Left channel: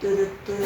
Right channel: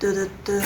Dırıttı.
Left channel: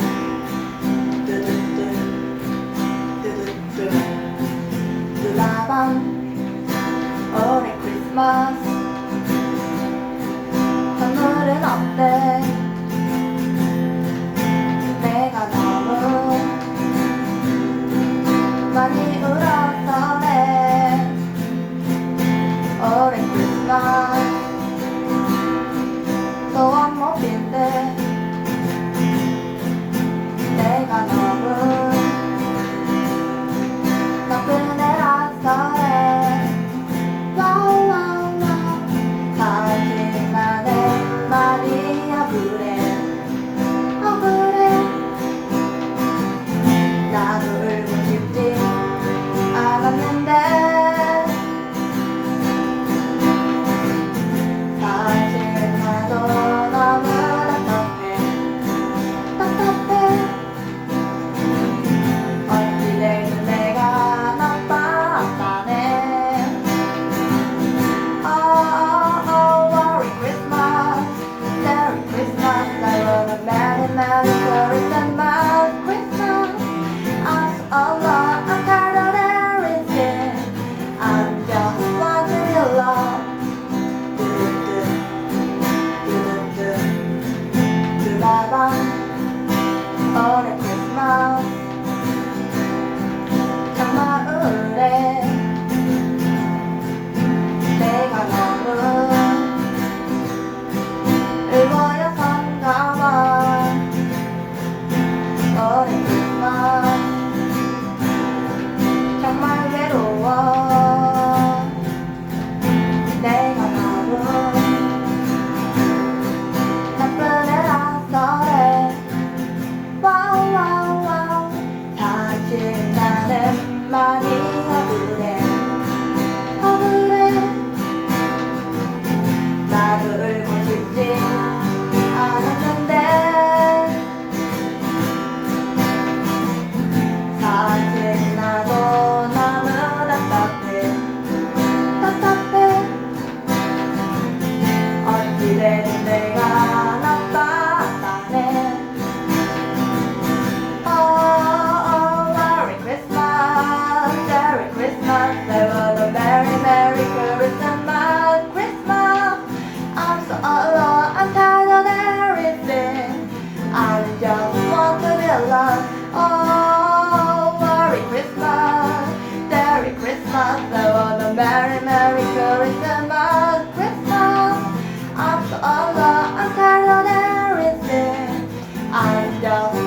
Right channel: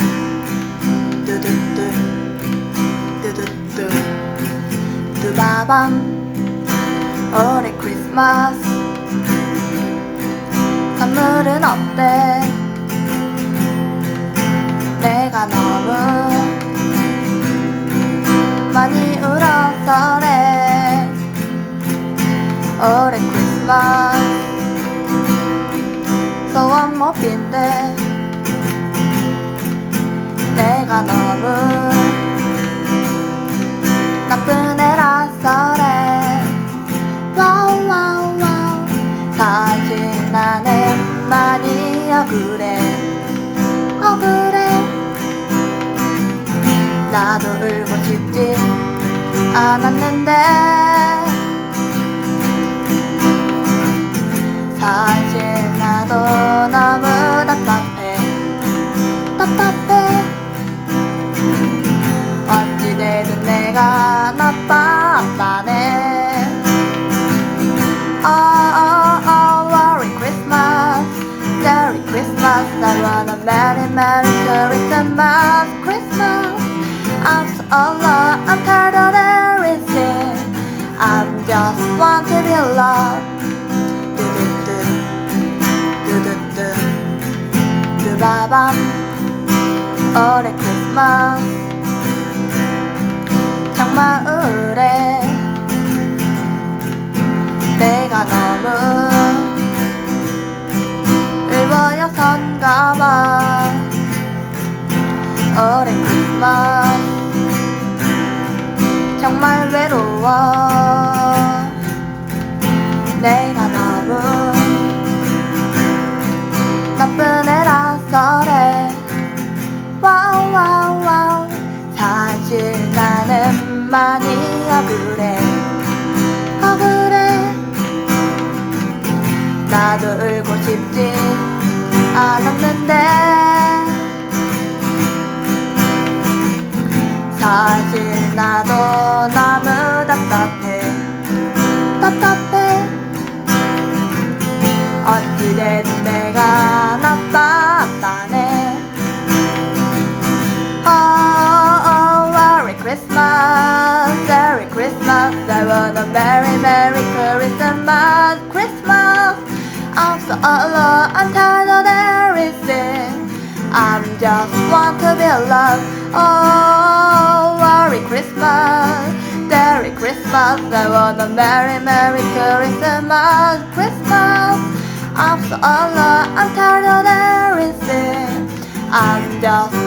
Yeah. Christmas, Merry Christmas. I want a merry, merry Christmas, Christmas. I'm so alone, I'm tired of everything. I'm just